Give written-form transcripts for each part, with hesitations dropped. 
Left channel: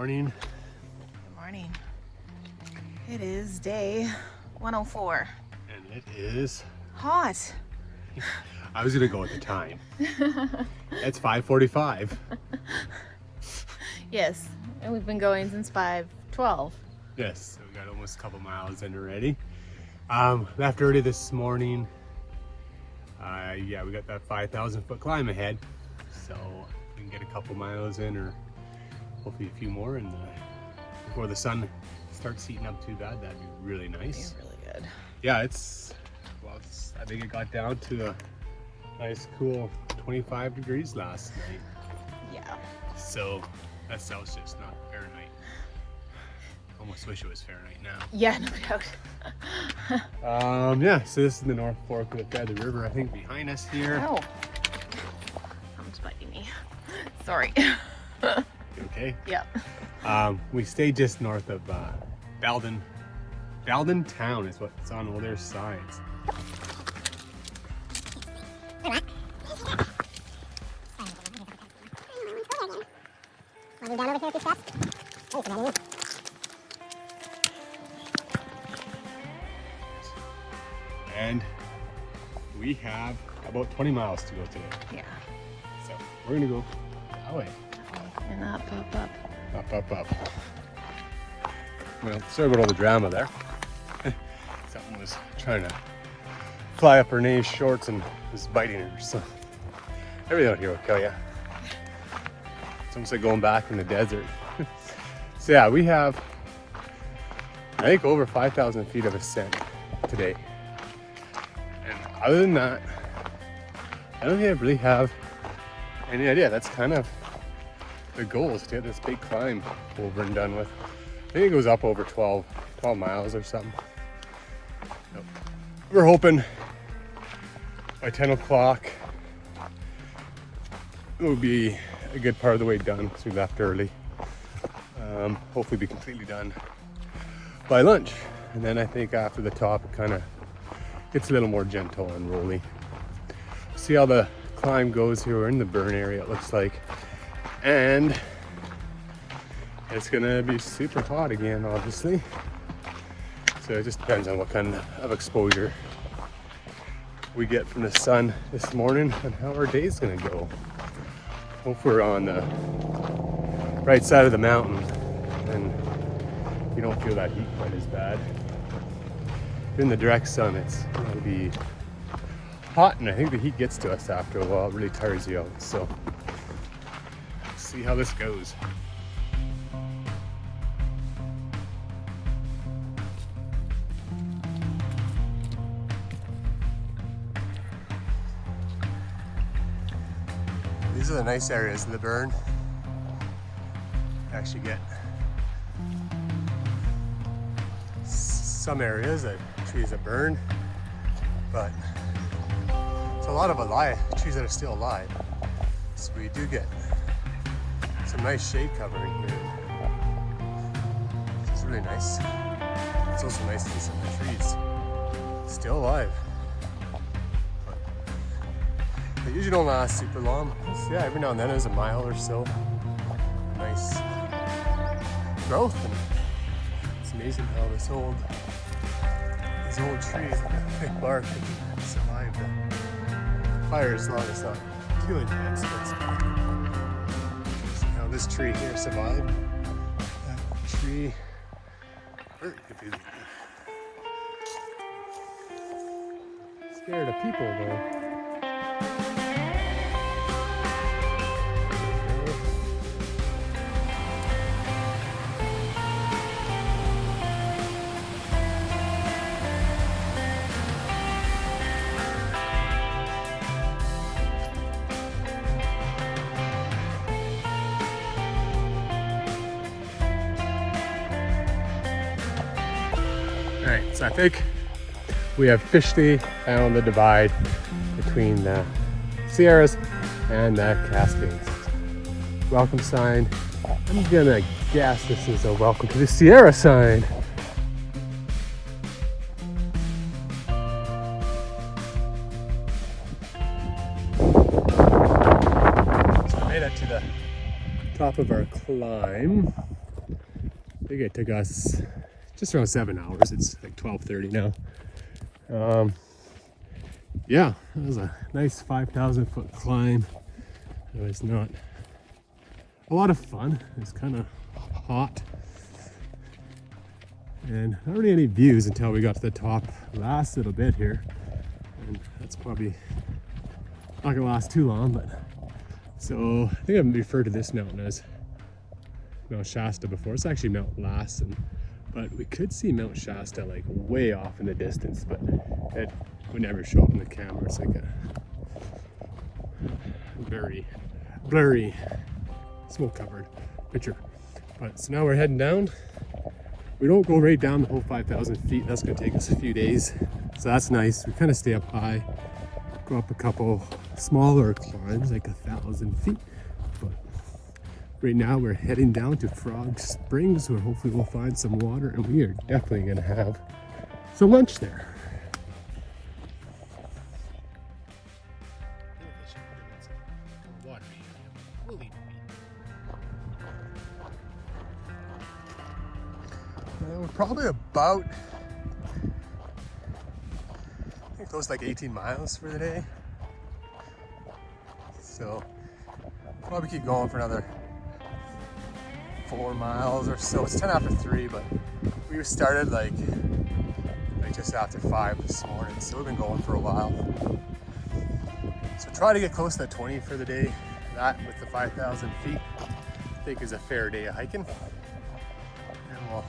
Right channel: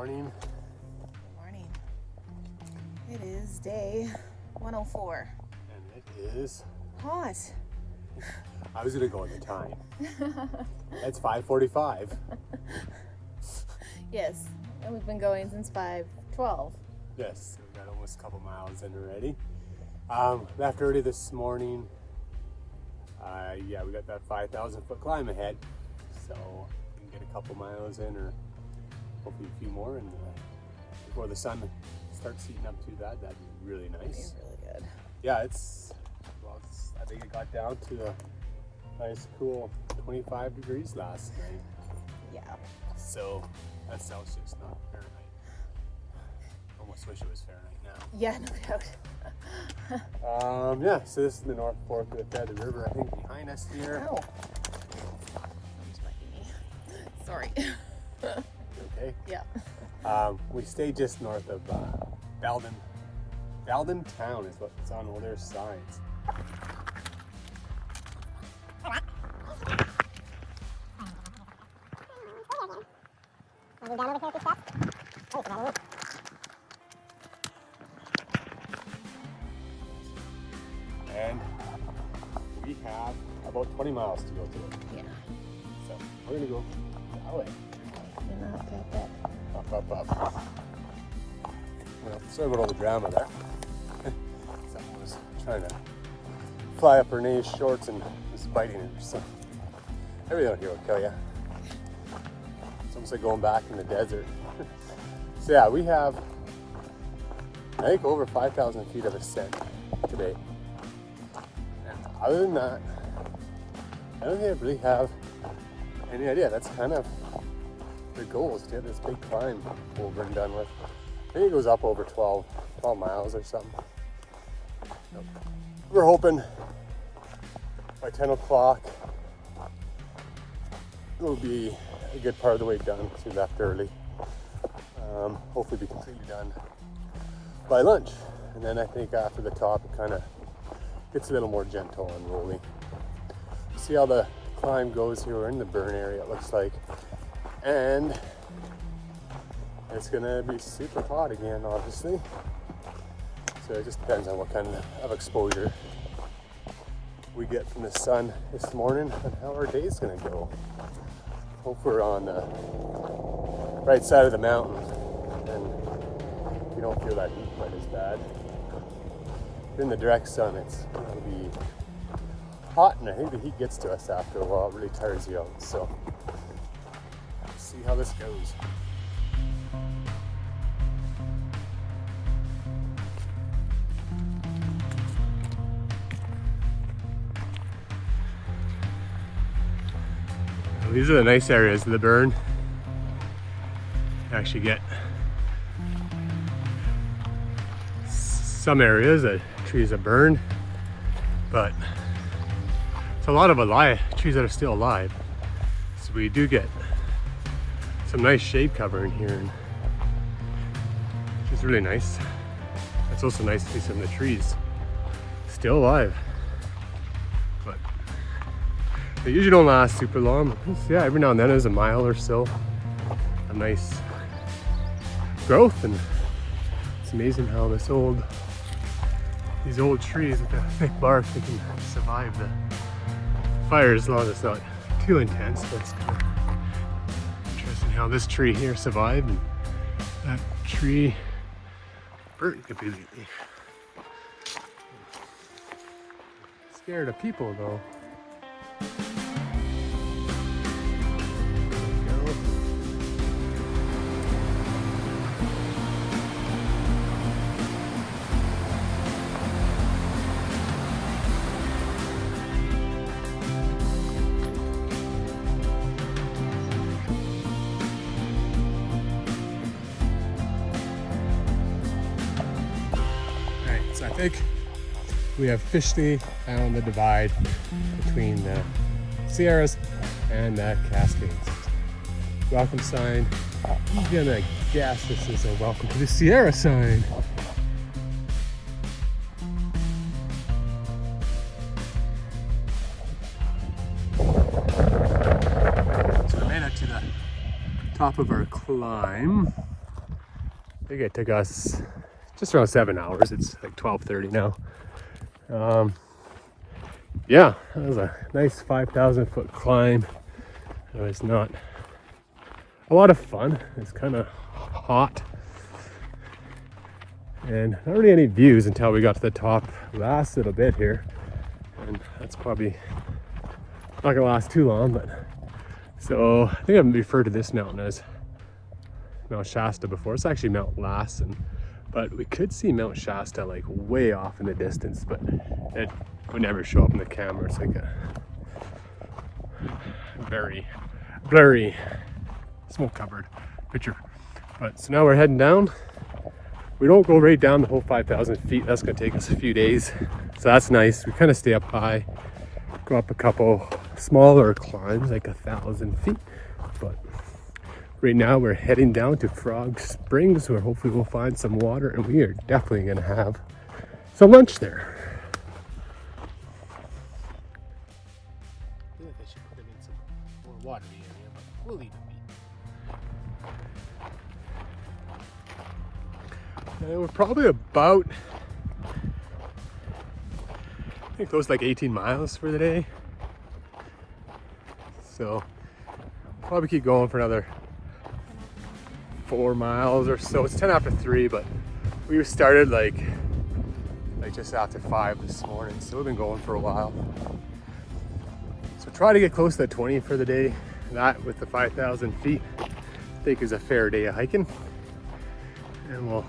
morning. Morning. It is day 104. And it is Hot. I was gonna go with the time. It's 5:45. Yes, and we've been going since 5:12. Yes, so we got almost a couple miles in already. Left early this morning. Yeah, we got that 5,000 foot climb ahead, so we can get a couple miles in, or hopefully a few more, and before the sun starts heating up too bad, that'd be really nice. Really good. Yeah, I think it got down to a nice cool 25 degrees last night. Yeah. So that's Celsius, not Fahrenheit. Almost wish it was Fahrenheit now. Yeah, no doubt. Yeah, so this is the North Fork of the river, I think, behind us here. Oh. Someone's biting me. Sorry. Okay. Yeah. We stay just north of Belden. Belden town is what's on all their sides. And we have about 20 miles to go through. So we're gonna go that way. Up. Well, sorry about all the drama there. Someone was trying to fly up her Renee's shorts and was biting her, so everything out here will kill you. It's almost like going back in the desert. So yeah, we have, I think, over 5,000 feet of ascent today. And other than that, I don't think I really have any idea. That's kind of the goal, is to get this big climb over and done with. I think it goes up over 12 miles or something. We're hoping by 10 o'clock it will be a good part of the way done, because we left early. Hopefully be completely done by lunch. And then I think after the top it kind of gets a little more gentle and rolling. See how the climb goes here. We're in the burn area, it looks like. And it's gonna be super hot again, obviously. So it just depends on what kind of exposure we get from the sun this morning and how our day's gonna go. Hope we're on the right side of the mountain and you don't feel that heat quite as bad. In the direct sun, it's gonna be hot, and I think the heat gets to us after a while. It really tires you out. So see how this goes. Well, these are the nice areas of the burn. You actually get some areas that trees that burn, but it's a lot of trees that are still alive. So we do get some nice shade cover in here, which is really nice. It's also nice to see some of the trees still alive, but they usually don't last super long. Yeah, every now and then there's a mile or so of nice growth, and it's amazing how these old trees with that thick bark, they can survive the fire as long as it's not too intense. But interesting how this tree here survived and that tree burnt completely. Scared of people though. I think we have officially found the divide between the Sierras and the Cascades. Welcome sign. I'm gonna guess this is a welcome to the Sierra sign. Made it to the top of our climb. think it took us just around 7 hours. It's like 12:30 now. Yeah, that was a nice 5,000-foot climb. It was not a lot of fun. It's kind of hot and not really any views until we got to the top last little bit here, and that's probably not gonna last too long. But so I think I've referred to this mountain as Mount Shasta before. It's actually Mount Lassen, but we could see Mount Shasta like way off in the distance, but it would never show up in the camera. It's like a very blurry smoke covered picture. But so now we're heading down. We don't go right down the whole 5,000 feet. That's gonna take us a few days. So that's nice. We kind of stay up high, go up a couple smaller climbs, like 1,000 feet. But right now we're heading down to Frog Springs, where hopefully we'll find some water, and we are definitely gonna have some lunch there. We're probably about, I think close to like 18 miles for the day. So probably keep going for another 4 miles or so. It's 10 after 3, but we started like just after 5 this morning, so we've been going for a while. So try to get close to 20 for the day. That with the 5,000 feet, I think is a fair day of hiking. And we'll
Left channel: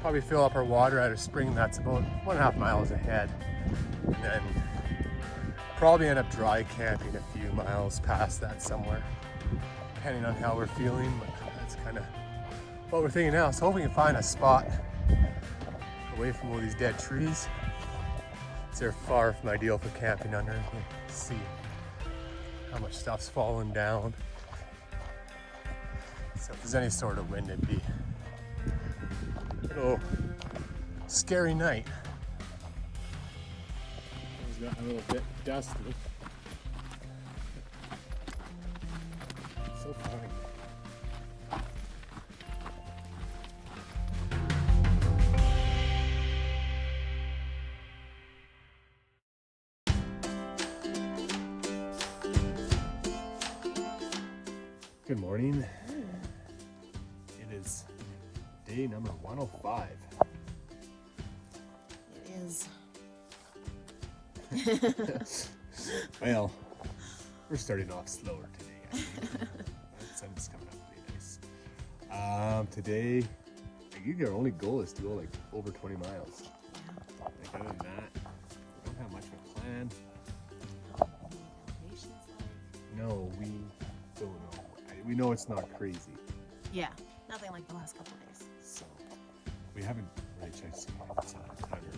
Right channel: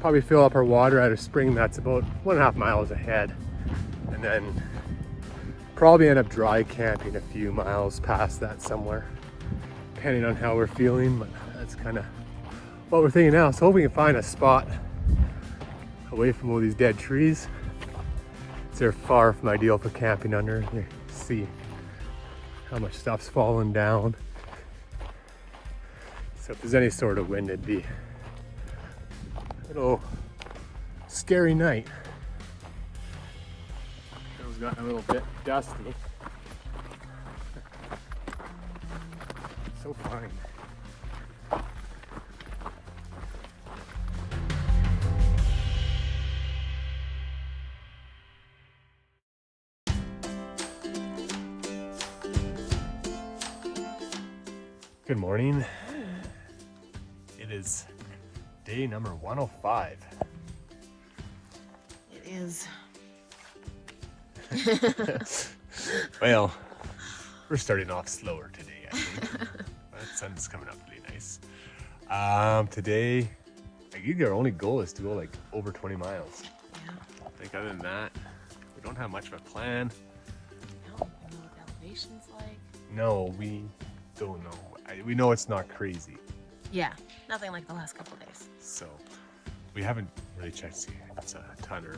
probably fill up our water at a spring that's about 1.5 miles ahead, and then probably end up dry camping a few miles past that somewhere, depending on how we're feeling. But that's kind of what we're thinking now. So hopefully we can find a spot away from all these dead trees. They're far from ideal for camping under. You see how much stuff's falling down. So if there's any sort of wind, it'd be a scary night. It's gotten a little bit dusty. So fine. Good morning. It is day number 105. It is. Well, we're starting off slower today, I think. But the sun's coming up really nice. Today, I think our only goal is to go like over 20 miles. Yeah. I think other than that, we don't have much of a plan. No, what the elevation's like. No, we don't know. We know it's not crazy. Yeah, nothing like the last couple of days. So we haven't really checked to see if it's a ton, or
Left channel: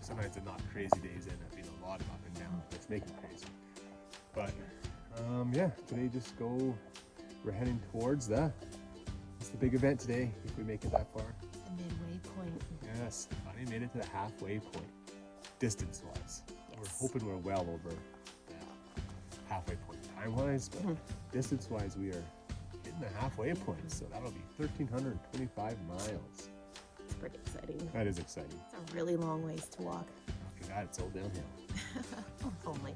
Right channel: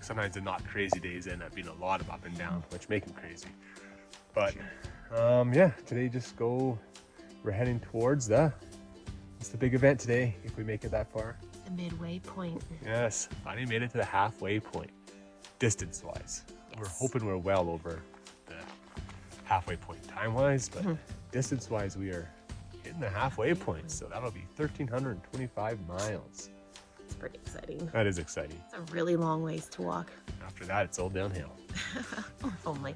sometimes the not crazy days end up being a lot of up and down, which make them crazy. But yeah, today we're heading towards it's the big event today, if we make it that far. The midway point. Yes, finally made it to the halfway point, distance-wise. We're hoping we're well over the halfway point time-wise, but distance-wise we are hitting the halfway point, so that'll be 1,325 miles. It's pretty exciting. That is exciting. It's a really long ways to walk. After that, it's all downhill. If only.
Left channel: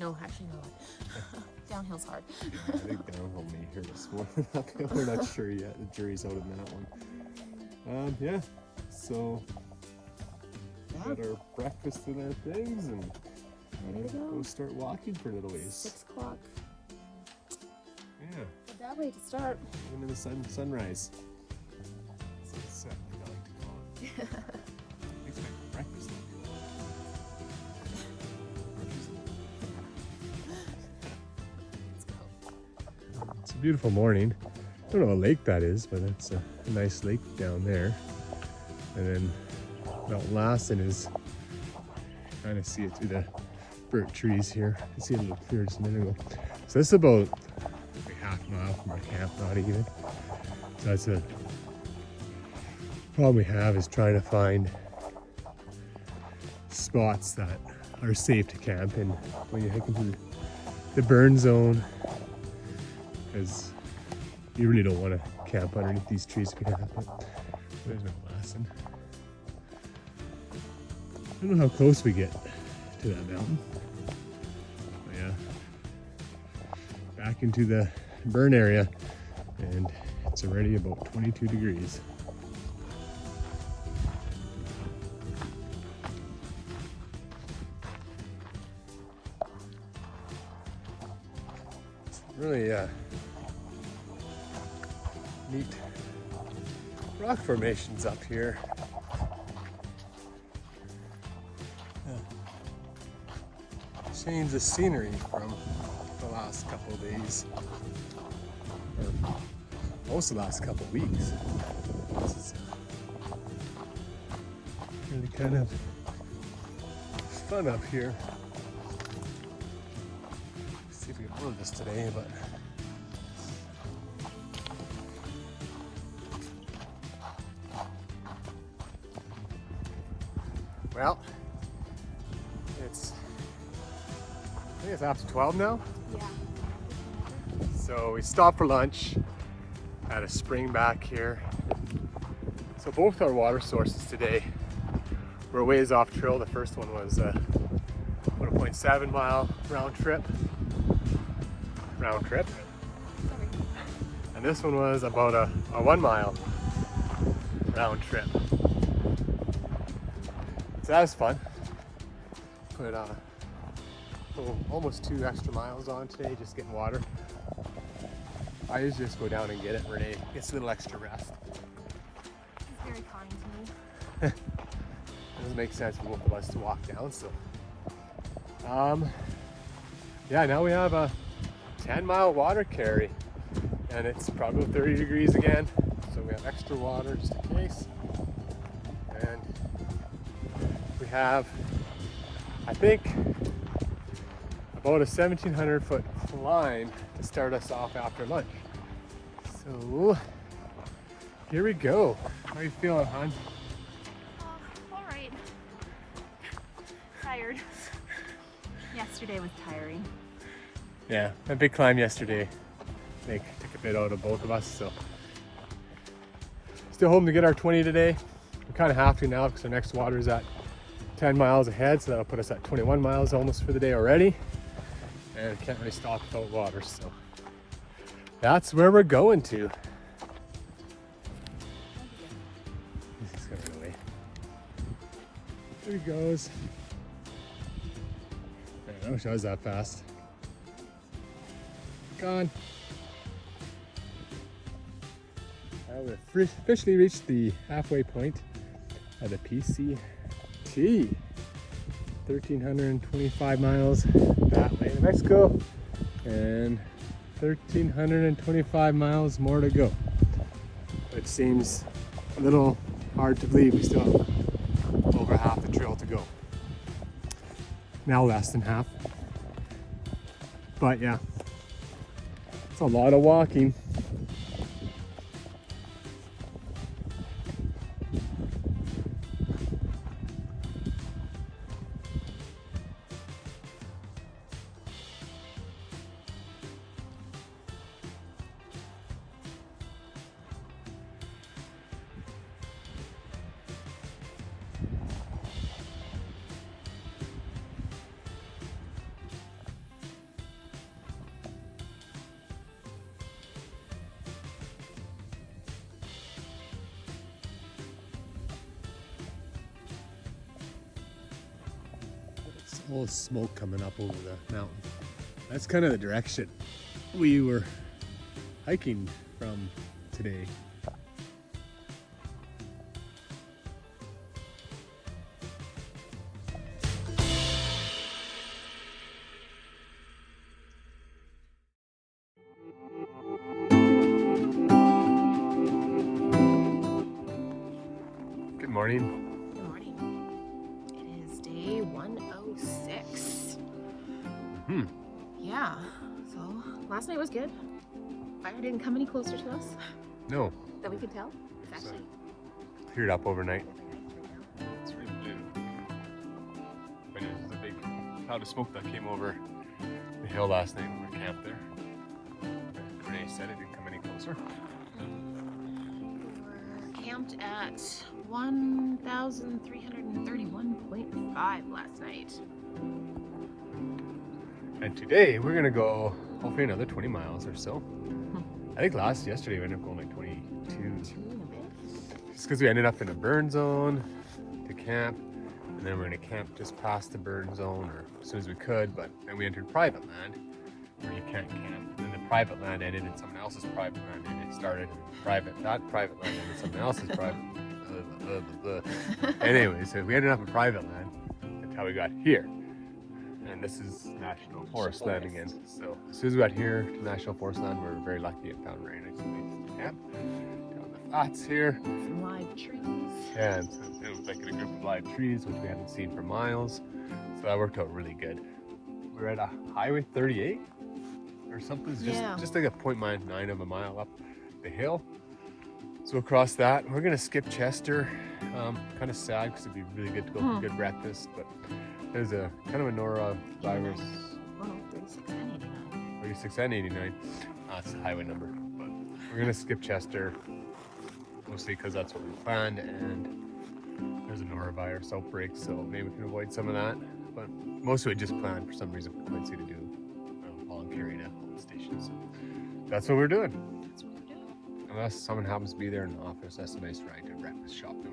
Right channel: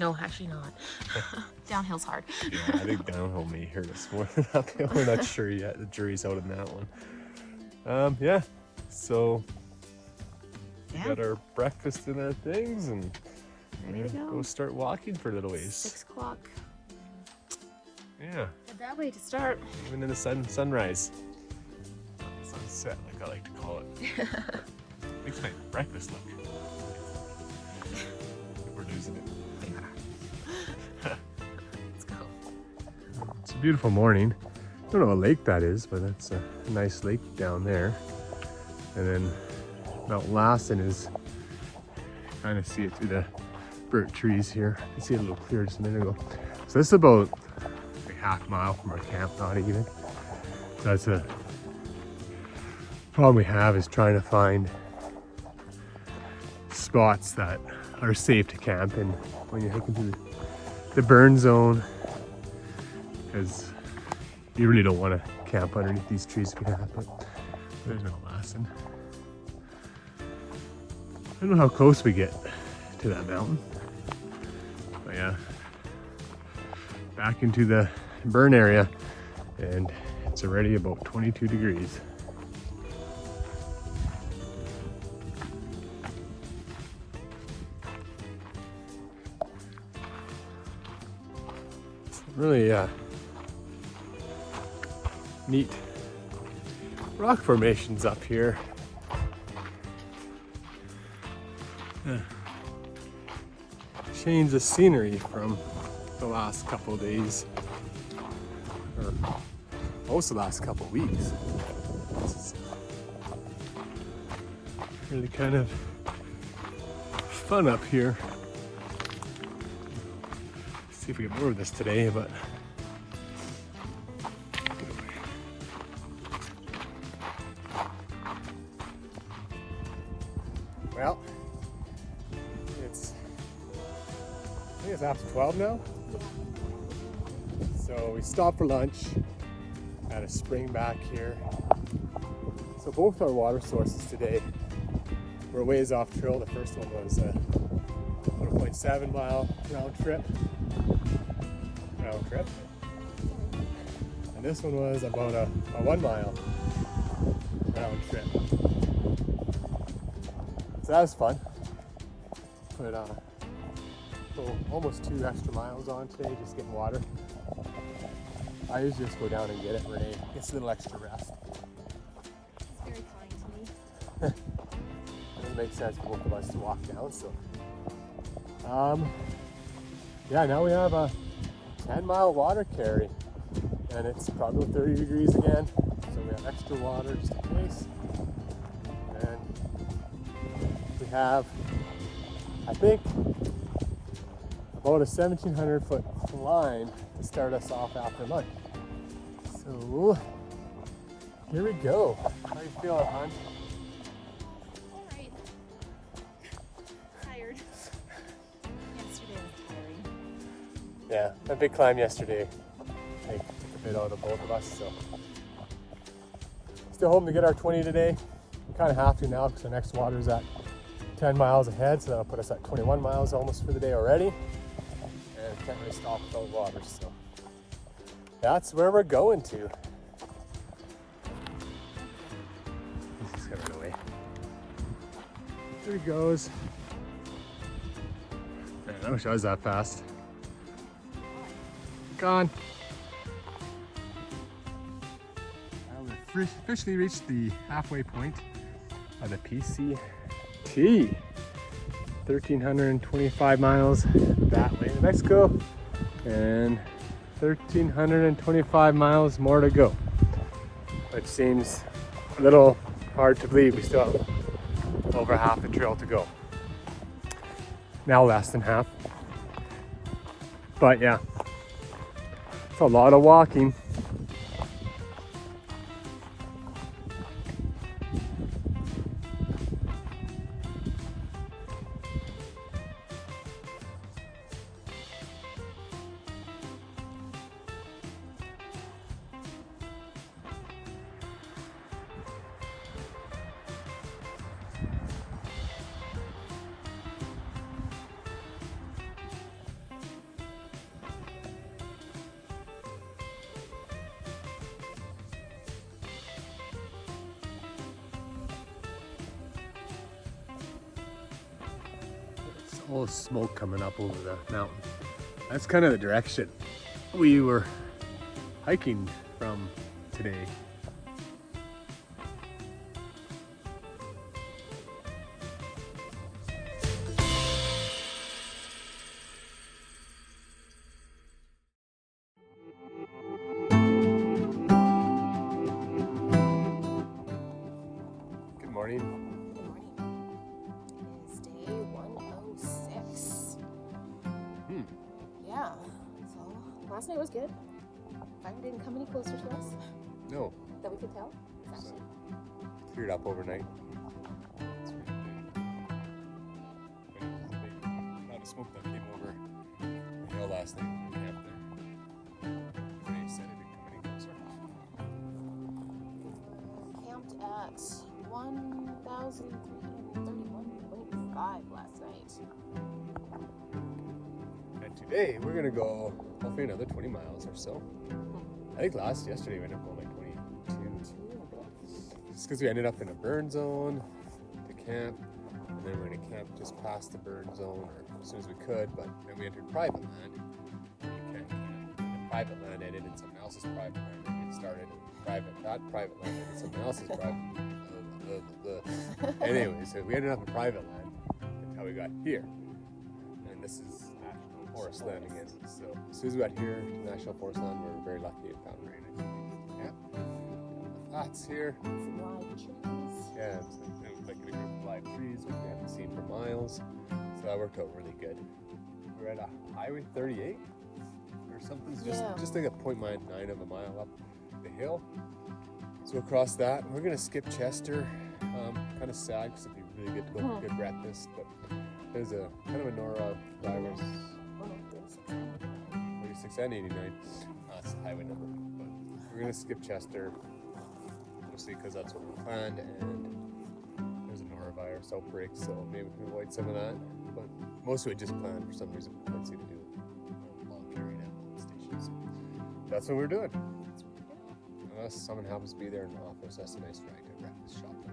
No, actually not. Downhill's hard. I think downhill may hurt us more than uphill. We're not sure yet. The jury's out on that one. Yeah, so Yeah. got our breakfast and our things, and Ready to go. go start walking for a little ways. 6 o'clock. Yeah, A bad way to start. even in the sunrise. Sunset, like I like to call it. Makes my breakfast look good. We're losing it. Let's go. It's a beautiful morning. I don't know what lake that is, but it's a nice lake down there. And then Mount Lassen is, kind of see it through the birch trees here. You see it a little clearer just a minute ago. So this is about a half mile from our camp, not even. That's a problem we have, is trying to find spots that are safe to camp in when you're hiking through the burn zone, because You really don't want to camp underneath these trees again, but there's no Lassen. I don't know how close we get to that mountain. But yeah, back into the burn area, and it's already about 22 degrees. Really neat rock formations up here. Change the scenery from the last couple of days, or most of the last couple of weeks. It's really kind of fun up here. See if we get more of this today, but well, I think it's after 12 now. Yeah. So we stopped for lunch at a spring back here. So both our water sources today were a ways off trail. The first one was about a 0.7 mile round trip. And this one was about a 1 mile round trip. So that was fun. Put almost 2 extra miles on today, just getting water. I usually just go down and get it. Renee gets a little extra rest. It's very kind to me. It doesn't make sense for both of us to walk down, so. Yeah, now we have a 10-mile water carry, and it's probably 30 degrees again, so we have extra water just in case. And we have, I think, about a 1,700-foot climb to start us off after lunch. So here we go. How are you feeling, hon? All right. Tired. Yesterday was tiring. Yeah, a big climb yesterday. I think took a bit out of both of us, so. Still hoping to get our 20 today. I'm kind of happy now because our next water is at 10 miles ahead, so that'll put us at 21 miles almost for the day already. And can't really stop without water, so that's where we're going to. He's got to go away. There he goes. Man, I wish I was that fast. Gone. Well, we've officially reached the halfway point of the PCT. 1,325 miles that way. Let's go. And 1,325 miles more to go. Which seems a little hard to believe. We still have over half the trail to go. Now less than half. But yeah, it's a lot of walking. All the smoke coming up over the mountain. That's kind of the direction we were hiking from today. Good morning. Last night was good. Fire didn't come any closer to us. No. That we could tell. It's actually cleared up overnight. It's really good. But it was a big cloud of smoke that came over the hill last night when we camped there. Renee said it didn't come any closer. camped at 1,331.5 last night. And today we're gonna go hopefully another 20 miles or so. I think yesterday we ended up going like 22. Just because we ended up in a burn zone to camp, and then we're gonna camp just past the burn zone or as soon as we could, but then we entered private land where you can't camp. And the private land ended in someone else's private land, and it started not private land, in someone else's private land. Anyway, so we ended up in private land until we got here. And this is National Forest land again. So as soon as we got here to National Forest land, we were very lucky and found very nice place. Yep. Got the flats here. Some live trees. Yeah, and so it was like a group of live trees, which we haven't seen for miles. So that worked out really good. We're at a Highway 38 or something. It's just like a 0.9 of a mile up the hill. So across that, we're gonna skip Chester. Kind of sad because it'd be really good to go for a good breakfast, but there's a kind of a norovirus. 36 and 89. That's the highway number. But we're gonna skip Chester mostly because that's what we planned, and there's a norovirus outbreak, so maybe we can avoid some of that. But most of it just planned for some reason. We might see to do volunteering at the stations. That's what we're doing. Unless someone happens to be there in the office, that's a nice ride to breakfast shopping.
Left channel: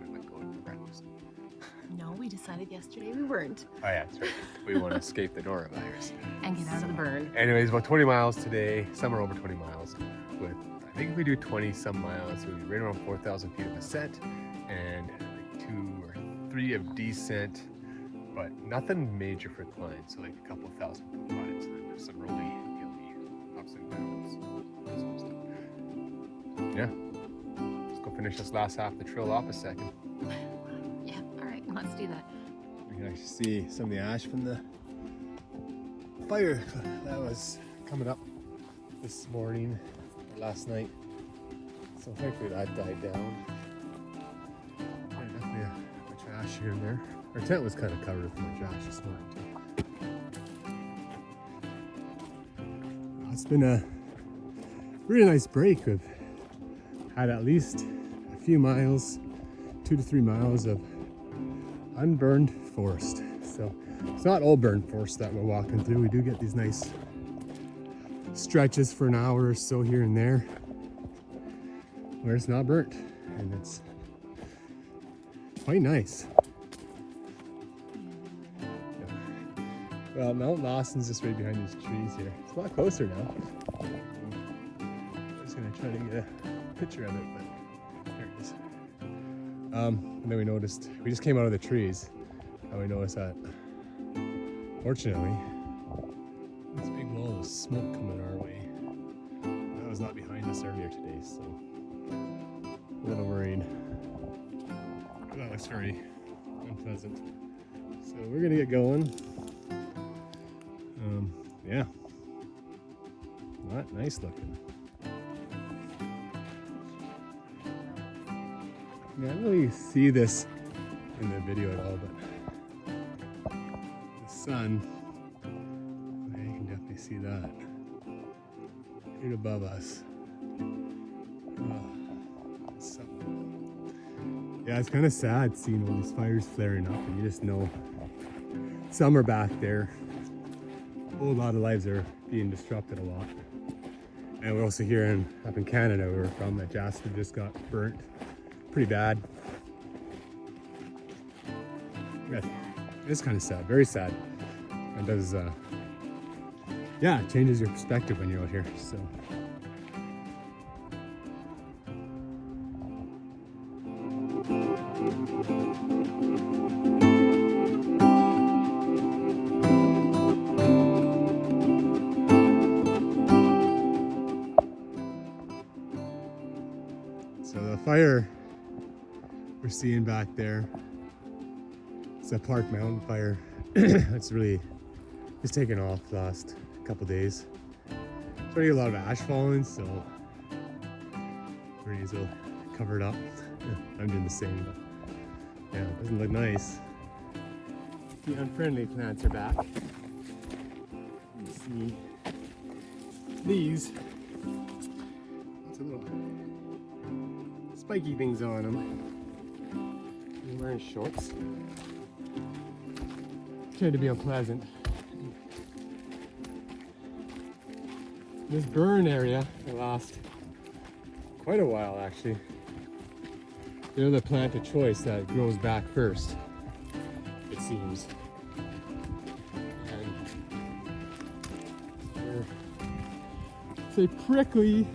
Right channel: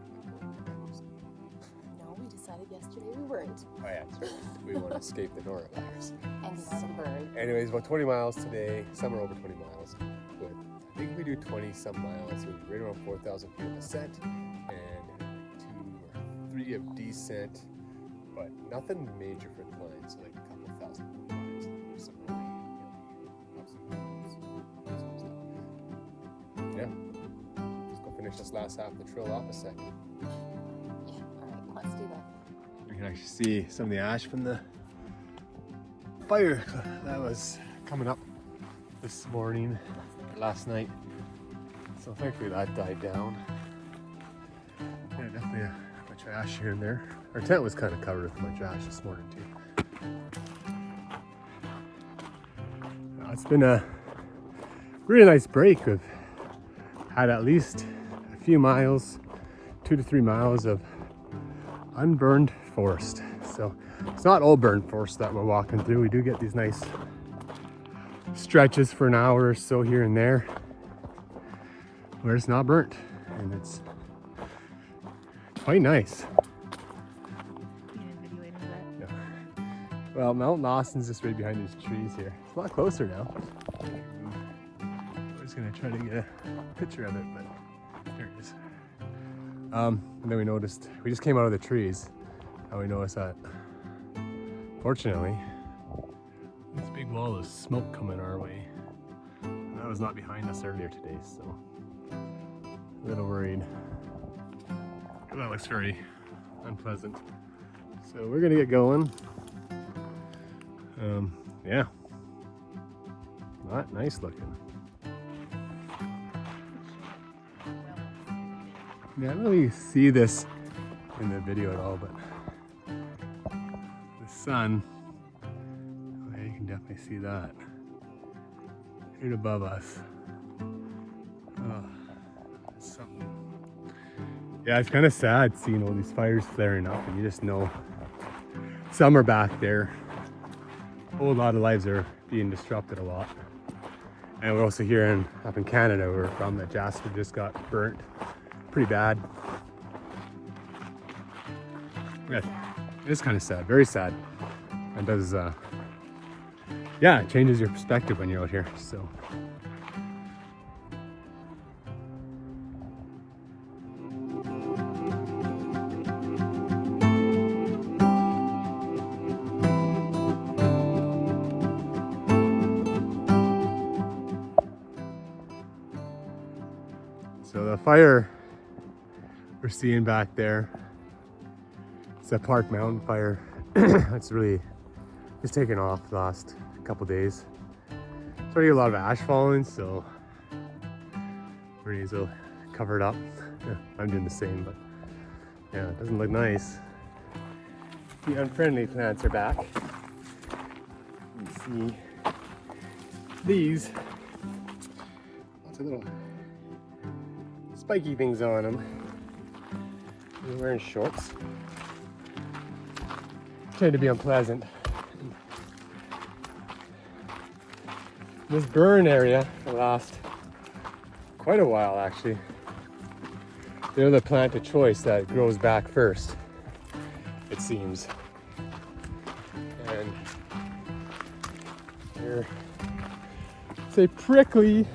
No, we decided yesterday we weren't. Oh yeah, that's right. We want to escape the norovirus. And get out of burn. Anyways, about 20 miles today. Some are over 20 miles. But I think we do 20 some miles. We're right around 4,000 feet of ascent and 2 or 3 of descent, but nothing major for climb. So like a couple thousand climbs. And then there's some really hilly ups and downs. Yeah. Let's go finish this last half of the trail off a second. Yeah, alright, let's do that. You can actually see some of the ash from the fire that was coming up this morning, last night. So thankfully that died down. Yeah, definitely a bunch of ash here and there. Our tent was kind of covered with a bunch of ash this morning too. It's been a really nice break. We've had at least a few miles, 2 to 3 miles of unburned forest. So it's not all burned forest that we're walking through. We do get these nice stretches for an hour or so here and there where it's not burnt, and it's quite nice. Yeah. Well, Mount Lawson's just right behind these trees here. It's a lot closer now. I'm just gonna try to get a picture of it, but here it is. And then we noticed, we just came out of the trees, and we noticed that, fortunately, this big wall of smoke coming our way. That was not behind us earlier today, so a little worried. That looks very unpleasant. So we're gonna get going. Yeah, not nice looking. Yeah, I don't really see this in the video at all, but the sun, you can definitely see that right above us. Oh, yeah, it's kind of sad seeing all these fires flaring up, and you just know some are back there. A whole lot of lives are being disrupted a lot. And we're also here up in Canada, where we're from, that Jasper just got burnt pretty bad. Yeah, it's kind of sad, very sad. And does, yeah, it changes your perspective when you're out here, so. So the fire we're seeing back there, it's a Park Mountain fire. It's really, it's taken off the last couple days. Already a lot of ash falling, so we're gonna need to cover it up. I'm doing the same, but yeah, it doesn't look nice. The unfriendly plants are back. You see these, lots of little spiky things on him. He's wearing shorts. Trying to be unpleasant. This burn area will last quite a while actually. They're the plant of choice that grows back first, it seems. And they're, say, prickly.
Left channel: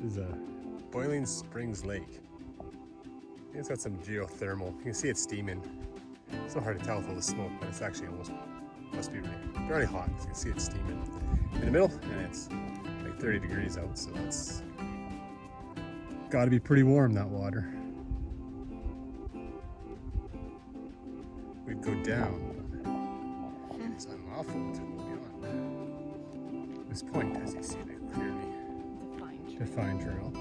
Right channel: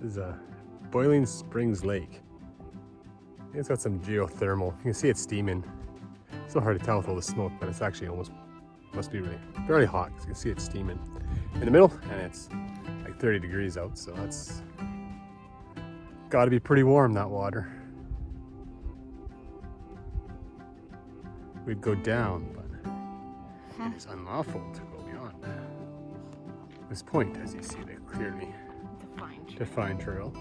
This is a Boiling Springs Lake. I think it's got some geothermal. You can see it steaming. It's so hard to tell with all the smoke, but it's actually almost, must be really very hot. You can see it steaming in the middle, and it's like 30 degrees out, so that's got to be pretty warm, that water. We'd go down, but it's unlawful to go beyond this point, as you see there clearly. Defined trail.